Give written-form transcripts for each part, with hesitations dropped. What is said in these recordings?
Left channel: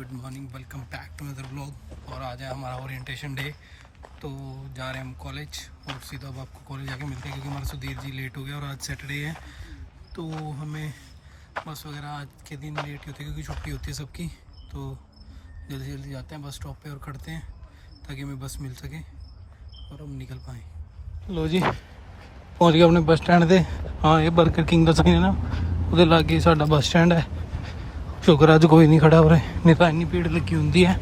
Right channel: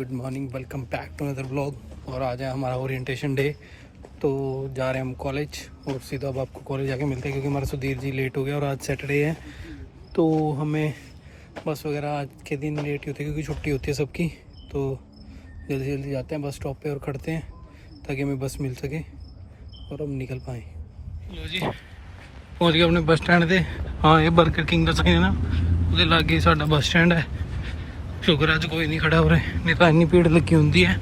Good morning, welcome back to another blog. और आज है हमारा ओरिएंटेशन डे, तो जा रहे हैं हम कॉलेज और सीधा अब आपको कॉलेज जाके मिलते हैं क्योंकि हमारा सुधीर जी लेट हो गया और आज सैटरडे है तो हमें बस वगैरह आज के दिन लेट ही होती है क्योंकि छुट्टी होती है सबकी। तो जल्दी जल्दी जाते हैं बस स्टॉप पे और खड़ते हैं ताकि हमें बस मिल सके और हम निकल पाएँ। लो जी पहुँच गए अपने बस स्टैंड से। हाँ ये बर्गर किंग का साइन है ना, उसके लागे साडा बस स्टैंड है। शुक्र अज कोई नहीं खड़ा हो रहा, नहीं तो इन्नी भीड़ लगी होंगी है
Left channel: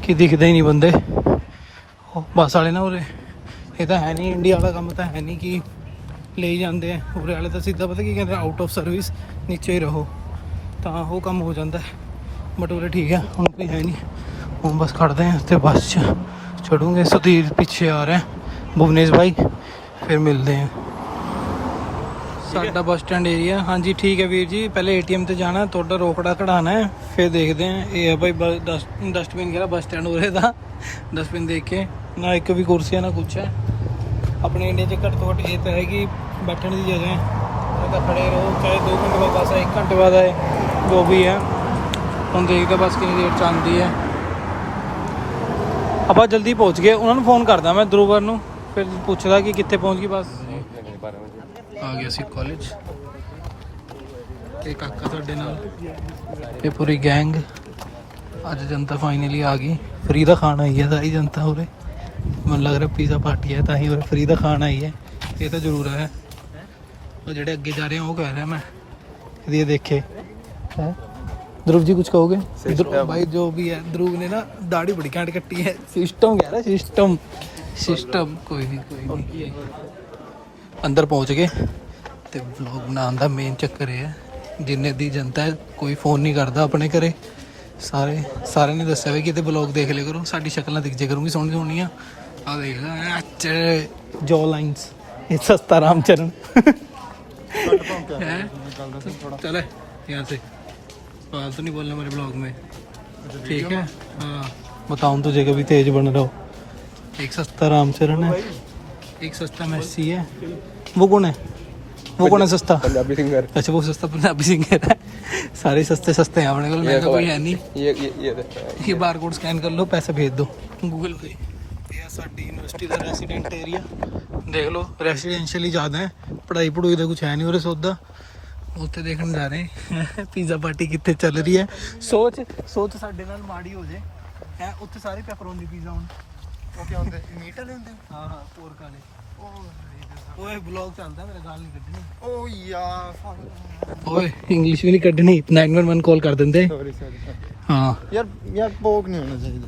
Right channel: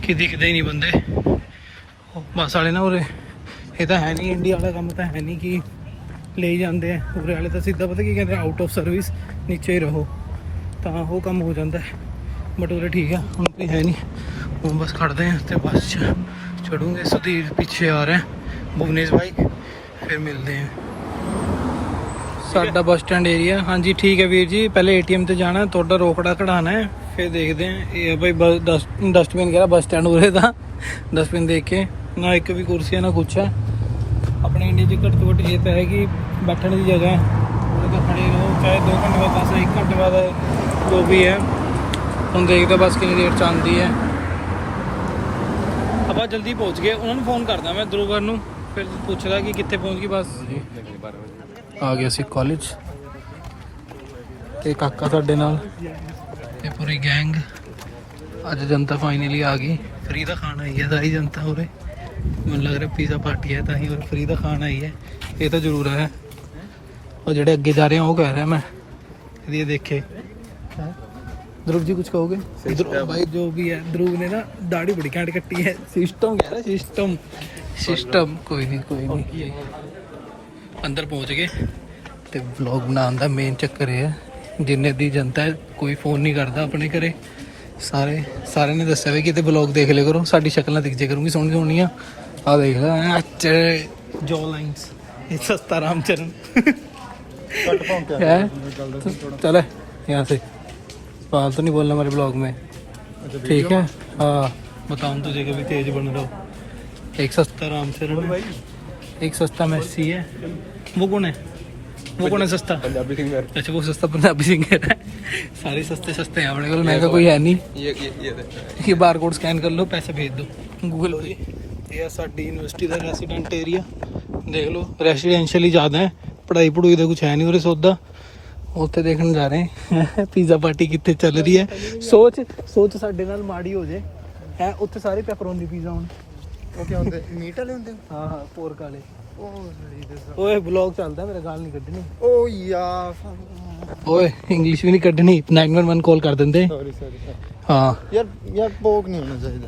कि दिखते ही नहीं बंदे बस वाले ना। उरे ये तो है नहीं इंडिया वाला काम, तो है नहीं कि ले ही जाते हैं। उरे वाले तो सीधा पता की कहते हैं आउट ऑफ सर्विस नीचे ही रहो, तो वो काम हो जाता है। बट उरे ठीक है, हम कोई है नहीं, हम बस खड़ते हैं तो बस चढ़ूँगे। सुधीर पीछे आ रहे हैं, भुवनेश भाई, फिर मिलते हैं। साडा बस स्टैंड एरिया। हाँ जी ठीक है वीर जी, पहले ATM ते जाना, थोड़ा रोकड़ा कढ़ाना है, फिर देखते हैं। ये भाई डस्टबिन कह बस स्टैंड उरे था, डस्टबिन देख के ना एक भी कुर्सी है ना कुछ है। अपने इंडिया से घट तो घट ये तो है कि बैठने की जगह है, तो खड़े रहो, चाहे 2 घंटे बाद बस है, 1 घंटे बाद है, जो भी है। हम देखते बस कितनी देर चाहती है। अब जल्दी पहुँच गए, उन्होंने फोन करदा मैं ध्रुवर नूं, फिर पूछदा कि कितने पहुँच गई बस। आ गया सी कॉलेज ते काका साडे नाल, ये पूरी गैंग। अज जनता फाइनली आ गई, फ्री का खाना आई है सारी जनता उरे। मन लग रहा पिज़्ज़ा पार्टी है ताही उरे फ्री का खाना आई है, ये तो जरूर है। और जेडे अगे जा रहे हैं वो कह रहे हैं मैं ये देखे है। ध्रुव जी कुछ कहोगे? भाई जो भी है, ध्रुव ने ना दाढ़ी बड़ी घैंट कट्टी है। सिस्टम कह रहा है, सिस्टम सिस्टम। कोई नहीं अंदर पहुंच गए। तो व्लॉग बनाने का मेन चक्कर ये है, जिन्ने दी जनता है कोई फोन नहीं करता अपने घरे। सारे ने दस्या भी कि व्लॉग देख लिया करो, साडी शक्ल ना दिख जाए करूँगी सोहनी सोहनी। आ देख लो जॉ लाइन्स, सस्ता रामचरण है। चले यहाँ से, फालतू नहीं बोलना हमारे ब्लॉग में, ठीक है? हाँ बताऊँ तुझे कभी तेज बन रहा हो। एक सस्ता रामचरण है, एक सस्ता मैसी है। वो कौन है? वो कौन है सस्ता? पंजाबी सिंगर। अच्छा वो सस्ता पंजाबी सिंगर है। सारे सस्ते सस्ते हैं अपने को, महंगा कोई है नहीं। ये बार कोड स्कैन कर लो, पैसे भेज दो गूगल पे। ये साडी यूनिवर्सिटी का रेसीडेंट एरिया देख लो, रेसीडेंशियल ही ज़्यादा है, पढ़ाई पढ़ूई तो कुछ है नहीं उरे सौदा। उत्थे देखने जा रहे हैं पिज़्ज़ा पार्टी कितने चल रही है। सोच साडे नाल माड़ी हो जाए है, उत्थे सारे पेपरोनी पिज़्ज़ा होण। वो क्या होंगे? मीट वाले होंगे। हाँ हाँ पोर्क वाले। ओए ब्लॉग चलता है मेरा, गाल नहीं कड्ढनी। ओ यार ओए इंग्लिश भी नहीं कड्ढनी, 911 कॉल कर देंगे। हाँ यार पोर्क नहीं होना चाहिए।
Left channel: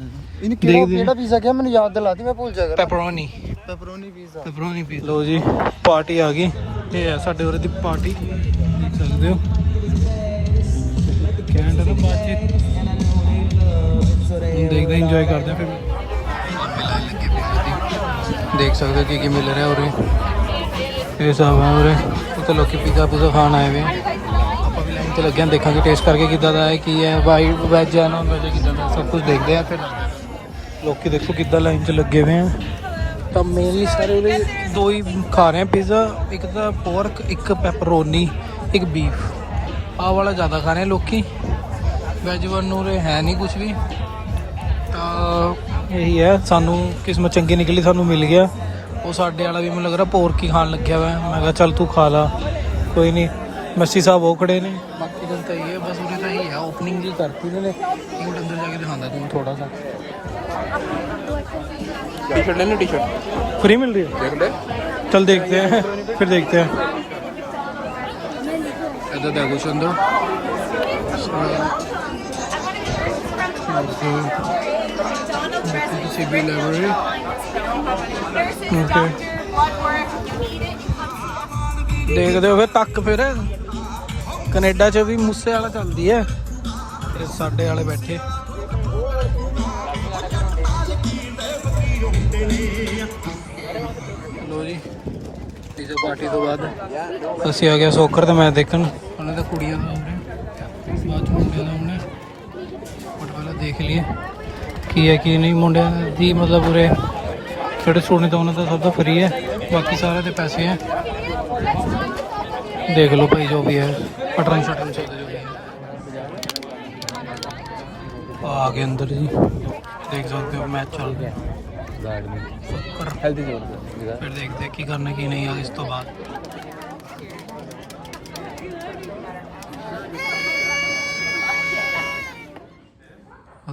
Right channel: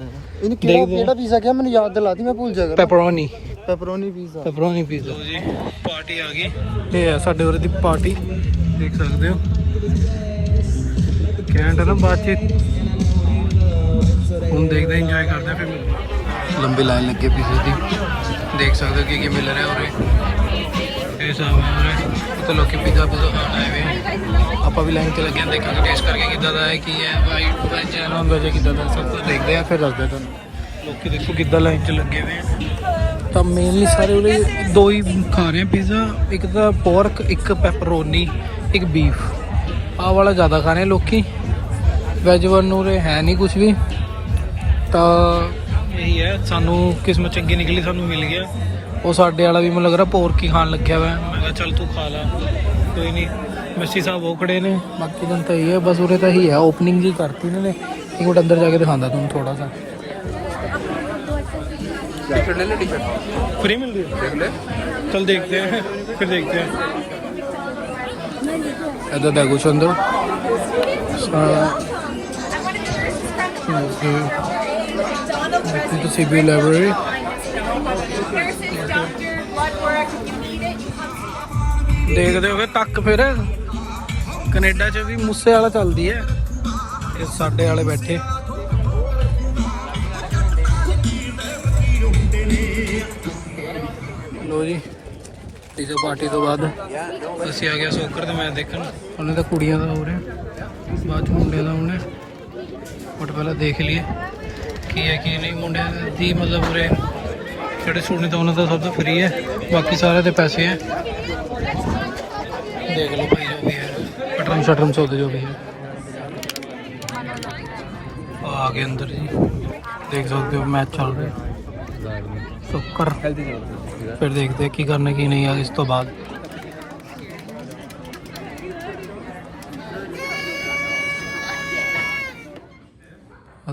इन्हें केड़ा पिज़्ज़ा क्या मैंने याद दिला दी, मैं भूल जाएगा। Pepperoni pizza. लो जी पार्टी आ गई, ये है साडे उरे दी पार्टी, देख सकते हो। कैंट है ना बातचीत, हम देखते इंजॉय करते हैं। फिर लंबी लाइन लगी पिज़्ज़े की, देख सकते हो कि मिल रहा है उरे, ये सब है उरे। उत्ते लोग पिज़्ज़ा पुज़्ज़ा खान आए हुए हैं, आप भी लाइन से लगे हैं, देखा टेस्ट करके किदा दा है, की है वाइट वैज है नॉन वैज है, किदा दा सब कुछ देखते हैं फिर रखते हैं। लोग देखो किदा लाइन से लगे हुए हैं। तो मेनली सारे 2 ही खा रहे हैं पिज़्ज़ा, एक तो पोर्क, एक पेपरोनी, एक बीफ। आ वाला ज़्यादा खा रहे हैं लोग, वैज वन उरे है नहीं कुछ भी। तो यही है, सानू किस्मत चंगी निकली, सानू मिल गया। वो साडे वाला भी मैं लग रहा पोर्क ही खान लग्या हुआ है। मैं कहा चल तू खा ला, कोई नहीं। मस्सी साहब वो खड़े ने, बाकी जनता ही है बस उरे तो ही है। ओपनिंग जी करती ना, एक मिनट अंदर जाके दिखाता तुम थोड़ा सा। टी-शर्ट फ्री मिल रही है, चल देखते हैं फिर देखते हैं। इधर देखो कुछ अंदर to CB library. देखते हो फिर तक, फिर कनेडा च भी मूसे वाला चलती है, ये साडे वाले बैठे। लो जी पिज़्ज़ा पार्टी तो बाद असी आ गया सोकर, तो मैं देखन उन्हें तो कुड़ियां का हो रहे, बाद मुंडे का उन्हें बट पहले देख लिए की है की नहीं। मुंडे की मतलब पूरे छोटे स्टूडेंट तो उन्होंने तो सब फ्री है, बाकी सारे तो पैसे हैं। देख लो भाई जो भी है, अटरम शटरम चौदह जो भी है। आ गए अंदर जी, देख सकते हो मैच चल रहा है शुक्र। फिर देखते हैं की करने की नहीं है इस तो बाद।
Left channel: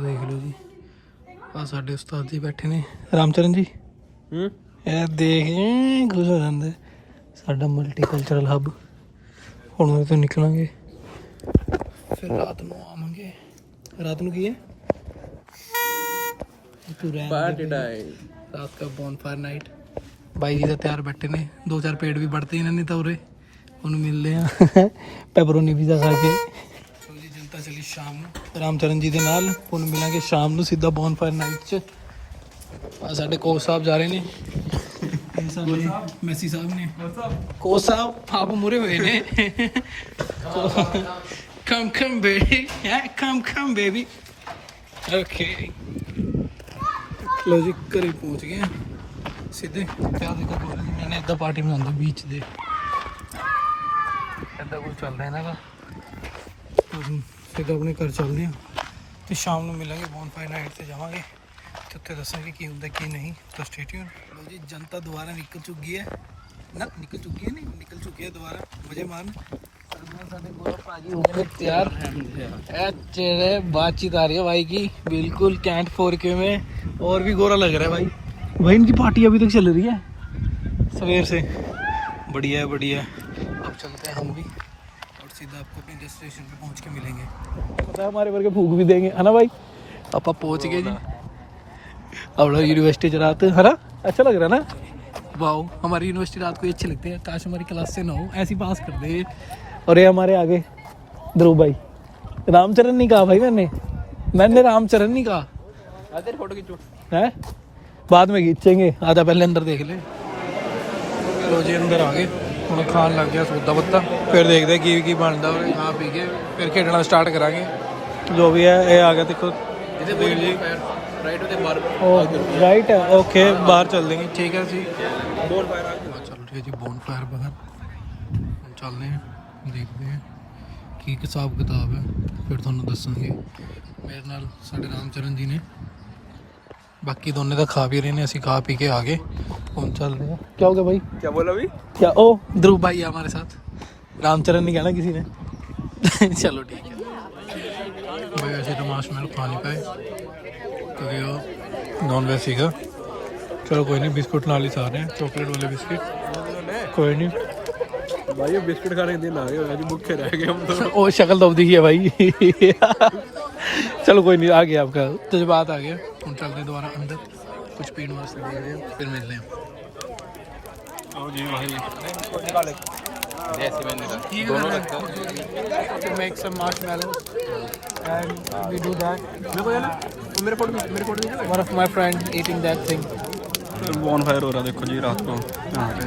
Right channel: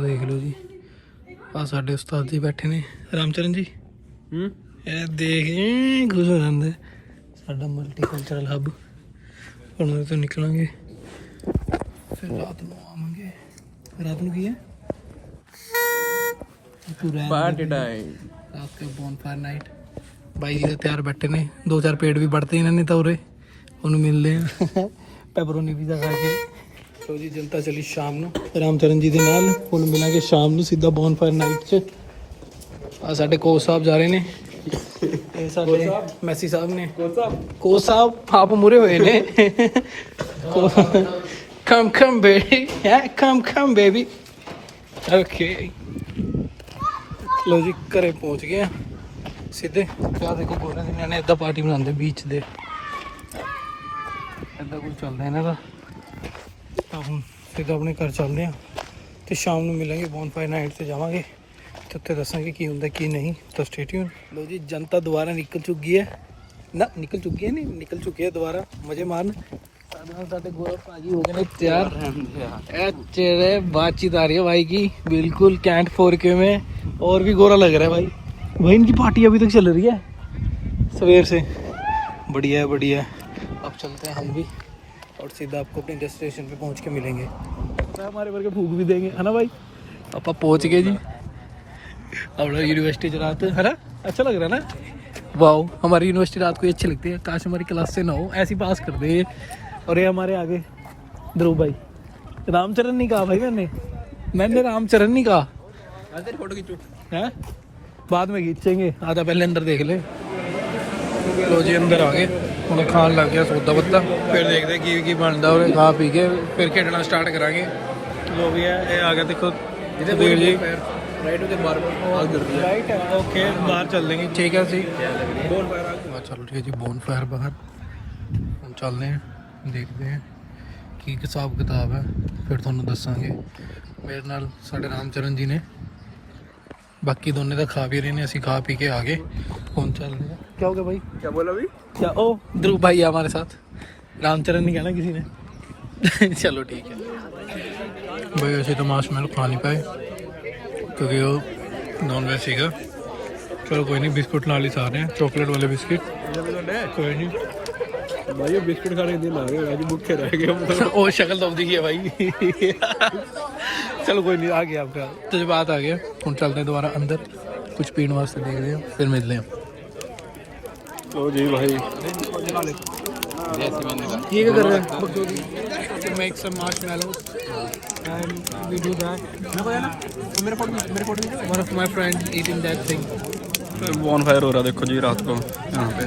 देख लो जी आ साडे उस्ताद जी बैठे ने रामचरण जी। ਇਹ ਦੇਖ ਖੁਸ਼ ਹੋ ਜਾਂਦੇ ਸਾਡਾ ਮਲਟੀਕਲਚਰਲ ਹੱਬ। ਹੁਣ ਉਹਦੇ ਤੋਂ ਨਿਕਲਾਂਗੇ ਫਿਰ ਰਾਤ ਨੂੰ ਆਵਾਂਗੇ। ਰਾਤ ਨੂੰ ਕੀ ਹੈ ਰਾਤ ਦਾ ਬੌਨਫਾਇਰ ਨਾਈਟ। ਬਾਈ ਜੀ ਦਾ ਤਿਆਰ ਬੈਠੇ ਨੇ, 2-4 ਪੇੜ ਵੀ ਵੜਤੇ ਇਹਨਾਂ ਨੇ ਤਾਂ ਉਰੇ। ਉਹਨੂੰ ਮਿਲਦੇ ਆ ਪੈਪਰੋਨੀ ਪੀਜ਼ਾ ਖਾ ਕੇ। ਸੋ ਜੀ ਜਨਤਾ ਚਲੀ ਸ਼ਾਮ ਨੂੰ ਰਾਮਚਰਨ ਜੀ ਦੇ ਨਾਲ। ਉਹਨੂੰ ਮਿਲਾਂਗੇ ਸ਼ਾਮ ਨੂੰ ਸਿੱਧਾ ਬੌਨਫਾਇਰ ਨਾਈਟ 'ਚ। ਆ ਸਾਡੇ ਕੋਚ ਸਾਹਿਬ ਜਾ ਰਹੇ ਨੇ, ਇਹ ਸਾਡੇ ਮੈਸੀ ਸਾਹਿਬ ਨੇ। ਕੋਚ ਸਾਹਿਬ ਆਪ ਮੁਰੇ ਹੋਏ ਨੇ। ਕਮ ਬੇਬੀ ਕਮ ਬੇਬੀ। ਓਕੇ ਲੋ ਜੀ ਘਰੇ ਪਹੁੰਚ ਗਏ ਆ ਸਿੱਧੇ। ਕਿਆ ਦੇਖੋ ਗੋਰਾ ਸਿੰਘਾਂ ਨੇ ਇੱਦਾਂ ਪਾਰਟੀ ਬਣਾਉਂਦੇ ਬੀਚ ਦੇ, ਇੱਦਾਂ ਕੁਝ ਚੱਲਦਾ ਇਹਨਾਂ ਦਾ। ਤਾਂ ਹੁਣ ਸਿੱਧਾ ਆਪਣੇ ਘਰ ਚੱਲਦੇ ਆ ਤੇ ਸ਼ਾਮ ਨੂੰ ਮਿਲਾਂਗੇ ਬੌਨਫਾਇਰ ਨਾਈਟ 'ਤੇ ਜਾਵਾਂਗੇ ਤੇ ਉੱਥੇ ਦੱਸਾਂਗੇ ਕੀ ਹੁੰਦਾ ਕੀ ਨਹੀਂ। ਤਾਂ ਸਟੇ ਟਿਊਨ। ਲੋ ਜੀ ਜਨਤਾ ਦੁਬਾਰਾ ਨਿਕਲ ਚੁੱਕੀ ਹੈ ਨਾ, ਨਿਕਲ ਚੁੱਕੀ ਹੈ ਨਹੀਂ ਨਿਕਲ ਚੁੱਕੀ ਹੈ ਦੁਬਾਰਾ ਮਜ਼ੇ ਮਾਰਨ। ਸਾਡੇ ਗੌਰਵ ਭਾਜੀ हो गए ने तैयार। चेहरे बातचीत आ रही है भाई की बिल्कुल कैंट 4K में, और भी गोरा लग रहा है भाई। भाई इनकी पार्टी अभी तक चल रही है सवेर से। बढ़िया है बढ़िया है। अब चलते हैं हम भी और सीधा आपको अपने डेस्टिनेशन पे पहुंच के मिलेंगे। पता है हमारे वर्ग फूक भी देंगे है ना भाई। आप पहुंच गए जी अपना यूनिवर्सिटी रात है ना। अच्छा लग रहा है ना। वाओ हमारी यूनिवर्सिटी रात को अच्छी लगती है। काश हमारी क्लास से ना हो, ऐसी पास कर दे। और ये हमारे आगे ध्रुव भाई। रामचरण नहीं कहा भाई मैंने रामचरण नहीं कहा। फोटो खींचो है बाद में खींचेंगे, आधा पहले अंदर देख ले। लो जी अंदर आ गए हम खान लग गया सौदा पत्ता। फिर देखते की बनता और खा पी के फिर खेलना स्टार्ट करांगे जो भी है। ये आ गया देखो जी राइट है। ओके बाहर चल देंगे ठीक है जी। चल रही है जी बॉनफायर बाहर। हम चलते हैं देखते हैं की हिसाब किताब है फिर ਤੁਹਾਨੂੰ ਦੱਸਾਂਗੇ। ਮੇਰੇ ਨਾਲ ਸਾਡੇ ਰਾਮਚਰਨ ਜੀ ਨੇ, ਬਾਕੀ ਦੋਨੇ ਤਾਂ ਖਾ ਵੀ ਰਹੇ ਨੇ, ਅਸੀਂ ਖਾ ਪੀ ਕੇ ਆ ਗਏ। ਹੁਣ ਚੱਲਦੇ हैं। क्या हो गया भाई क्या बोला भाई क्या ओ ध्रुव भाई है हमारे साथ, रामचरण नहीं कहना किसी ने। चलो ठीक है भाई। वैसे तो मार्शमैलो खा नहीं पाए क्योंकि वो नॉन वेज सीगा। चलो कोई नहीं, बिस्कुट नाल ही सारे हैं, चॉकलेट वाले बिस्किट। कोई नहीं भाई ये बिस्किट खाने के दिन आ गए, आज भूखे रह गए हम तो। ओ शक्ल तो दिखी है भाई। चलो कोई नहीं, आ गया आपका जज्बात आ गया। हम चलते हैं दोबारा अंदर, कुछ पीने वास्ते देखते हैं फिर मिलते हैं। ओ जी भाई ये कर रहे हैं to make some marshmallows and we do that। मेरे को है ना मेरे photo one of my friend eating that thing। Bonfire हो रहा देखो जी रात को यहाँ पे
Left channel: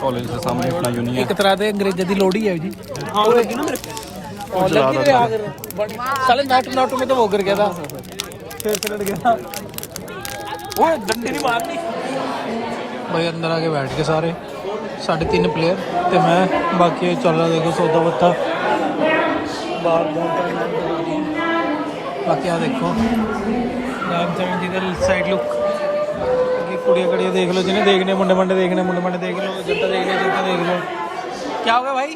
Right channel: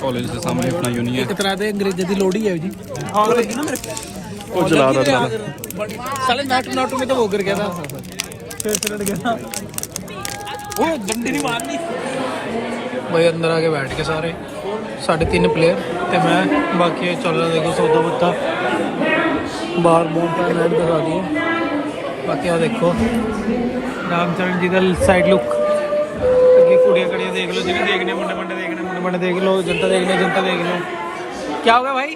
कॉलेज के सामने अपना यूनि है। एक तरह दे अंग्रेजी दी लोड़ी है जी। आग लगी ना मेरे वो जला रहा था साले नाटू में तो वो गिर गया था, फिर पलट गया। ओए डंडी नहीं मारनी भाई। अंदर आके बैठ के सारे 3.5 प्लेयर ते मैं, बाकी चल रहा देखो सौदा पत्ता। बाकी आ देखो रामचरण जी का साइड लुक। कुड़िया कड़िया देख लो जिन्हें देखने, मुंडे मंडे देखने, मुंडे मंडे देख लो, जनता देखने जनता देख लो। क्या होगा भाई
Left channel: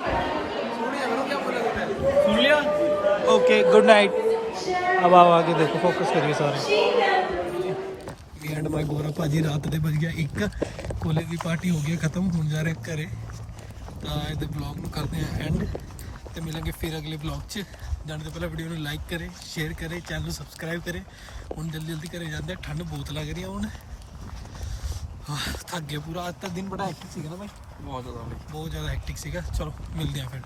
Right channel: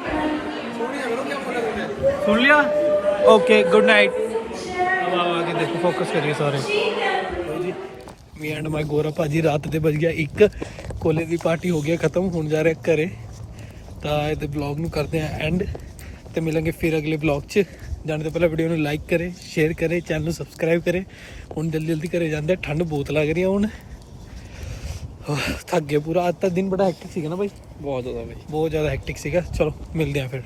सुन लिया। Okay good night. अब आओ आगे देखो, फोकस करिए सारे। मी एंड माई गोरा भाजी रात ਦੇ ਵੱਜ ਗਿਆ 1। ਕੋਲੇ ਦੀ ਪਾਰਟੀ ਹੋ ਗਿਆ ਖਤਮ, ਹੁਣ ਜਾ ਰਹੇ ਘਰੇ। ਤਾਂ ਇਹਦੇ ਬਲੌਗ ਨੂੰ ਕਰਦੇ ਆ ਐਂਡ ਤੇ ਮਿਲਾਂਗੇ ਫਿਰ ਅਗਲੇ ਬਲੌਗ 'ਚ। ਜਾਣ ਤੋਂ ਪਹਿਲਾਂ ਵੀਡੀਓ ਨੂੰ ਲਾਈਕ ਕਰੇ, ਸ਼ੇਅਰ ਕਰੇ, ਚੈਨਲ ਨੂੰ ਸਬਸਕ੍ਰਾਈਬ ਕਰੇ। ਹੁਣ ਜਲਦੀ ਜਲਦੀ ਘਰੇ ਜਾਂਦੇ, ਠੰਡ ਬਹੁਤ ਲੱਗ ਰਹੀ ਆ ਹੁਣ। थक गया पूरा आज का दिन, बड़ा हेक्टिक सीगा ना भाई, बहुत ज़्यादा हेक्टिक सीगा। चलो मिलते हैं फिर।